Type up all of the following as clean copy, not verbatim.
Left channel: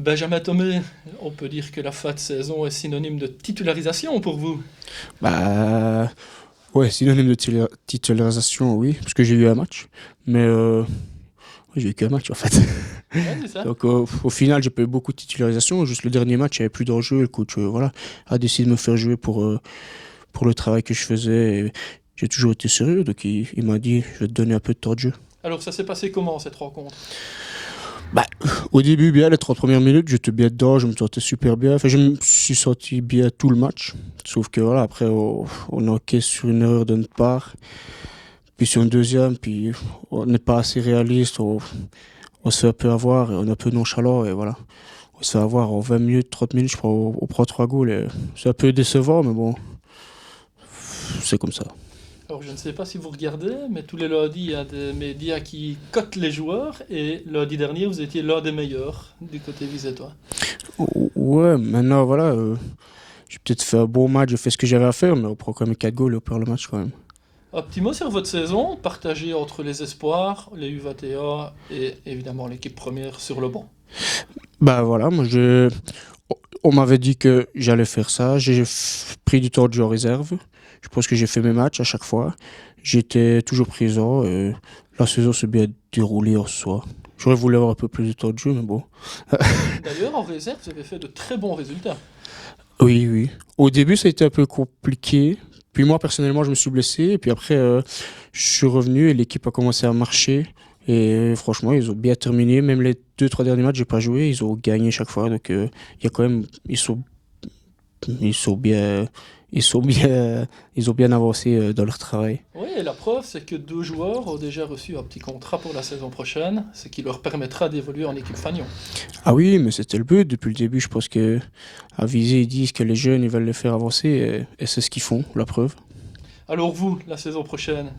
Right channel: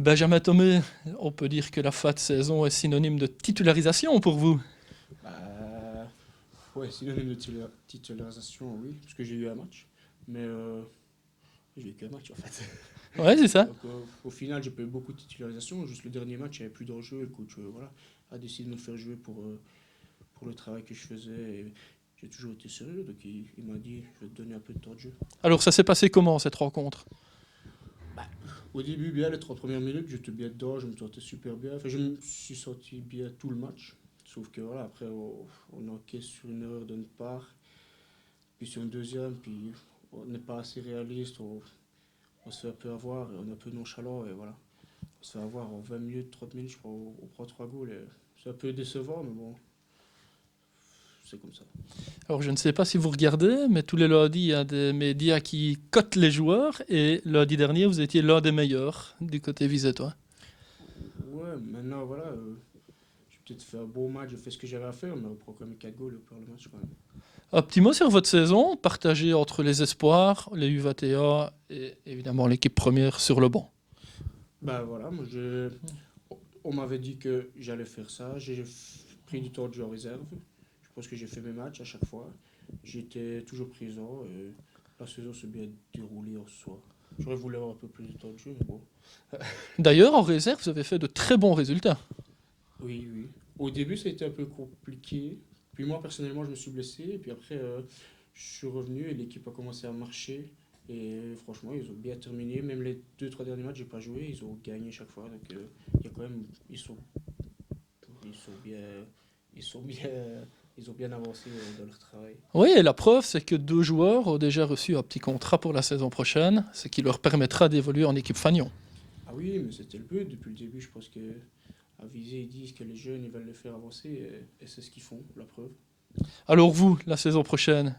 Benjamin Thomé, on peut dire que la fin de saison est synonyme de titularisation pour vous. Bah, ouais, synonyme de titularisation, oui, parce que j'ai eu un match. Mais j'ai eu qu'un match en fait. Ouais, c'est ça. Donc au final, j'ai pas eu beaucoup de titularisation. Juste le dernier match, il n'y avait plus d'enjeu. Le coach voilà, a décidé de me faire jouer pour le travail que je faisais. Et j'ai toujours été sérieux, donc il m'a dit je vais te donner un peu de temps de jeu. Alors ça s'est passé comment cette rencontre? Bah, au début, bien, les 30 premières minutes, j'étais bien dedans, je me sentais super bien. Enfin, je me suis senti bien tout le match. Sauf que voilà, après, on encaisse sur une erreur de notre part. Puis sur une deuxième, puis on n'est pas assez réaliste. On se fait un peu avoir, et on est un peu nonchalant. Et voilà, on se fait avoir en 20 minutes, 30 minutes, je crois, on prend 3 goals. C'est un peu décevant, mais bon, c'est comme ça. Alors je ne sais pas si vous regardez, mais tous les lundis, il y a des médias qui cotent les joueurs, et lundi dernier, vous étiez l'un des meilleurs du côté visétois. Ouais, maintenant, voilà, j'ai peut-être fait un bon match, j'ai fait ce que j'avais à faire, mais on prend quand même 4 goals et on perd le match quand même. Un petit mot sur votre saison, partagée entre les espoirs, les U21 et évidemment l'équipe première sur le banc. Bah voilà, on m'avait dit que j'allais faire ça. J'ai pris du temps de jeu en réserve. Je pense que j'ai fait mes matchs à chaque fois. J'étais toujours présent. La saison s'est bien déroulée en soi. J'aurais voulu avoir un peu plus de temps de jeu, mais bon. D'ailleurs, en réserve, vous avez fait de très bons résultats. Oui, oui. Au début, ça a été un peu compliqué. Puis moi, personnellement, je me suis blessé. Et puis après, je suis revenu et l'équipe a commencé à marcher. Et franchement, ils ont bien terminé. Même les 2, 3 derniers matchs, j'ai pas joué. Ils ont gagné chaque fois. Donc, il y a quand même, ils sont bien, ils sont bien, ils ont bien avancé dans leur travail. Oui, et la preuve, c'est que deux joueurs ont déjà reçu un petit contrat pour la saison prochaine, ce qui leur permettra d'évoluer en équipe Fagnon. Ah oui, mais c'était le but depuis le début. Je pense que à viser, ils disent que les jeunes, ils veulent les faire avancer, et c'est ce qu'ils font, la preuve. Alors vous, la saison prochaine?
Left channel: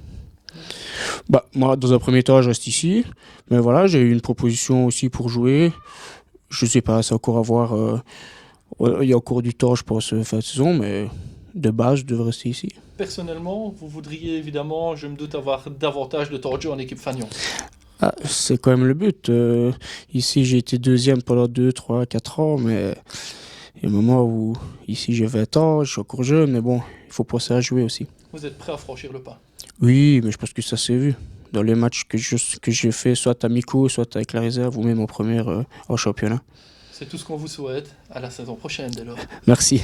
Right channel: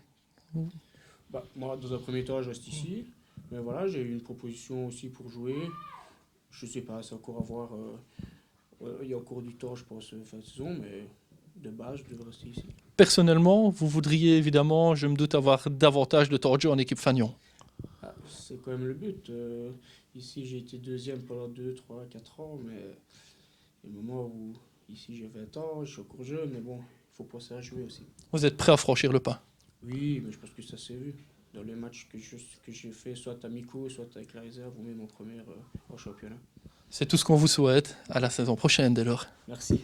Bah, moi, dans un premier temps, je reste ici. Mais voilà, j'ai eu une proposition aussi pour jouer. Je sais pas, c'est encore à voir. Il y a encore du temps, je pense, fin de saison, mais de base, je devrais rester ici. Personnellement, vous voudriez évidemment, je me doute, avoir davantage de temps de jeu en équipe Fagnon. Ah, c'est quand même le but. Ici, j'ai été deuxième pendant 2, 3, 4 ans, mais il y a un moment où, ici, j'ai 20 ans, je suis encore jeune, mais bon, il faut penser à jouer aussi. Vous êtes prêt à franchir le pas? Oui, mais je pense que ça s'est vu. Dans les matchs que j'ai fait, soit amicaux, soit avec la réserve, ou même en première en championnat. C'est tout ce qu'on vous souhaite. À la saison prochaine, dès lors. Merci.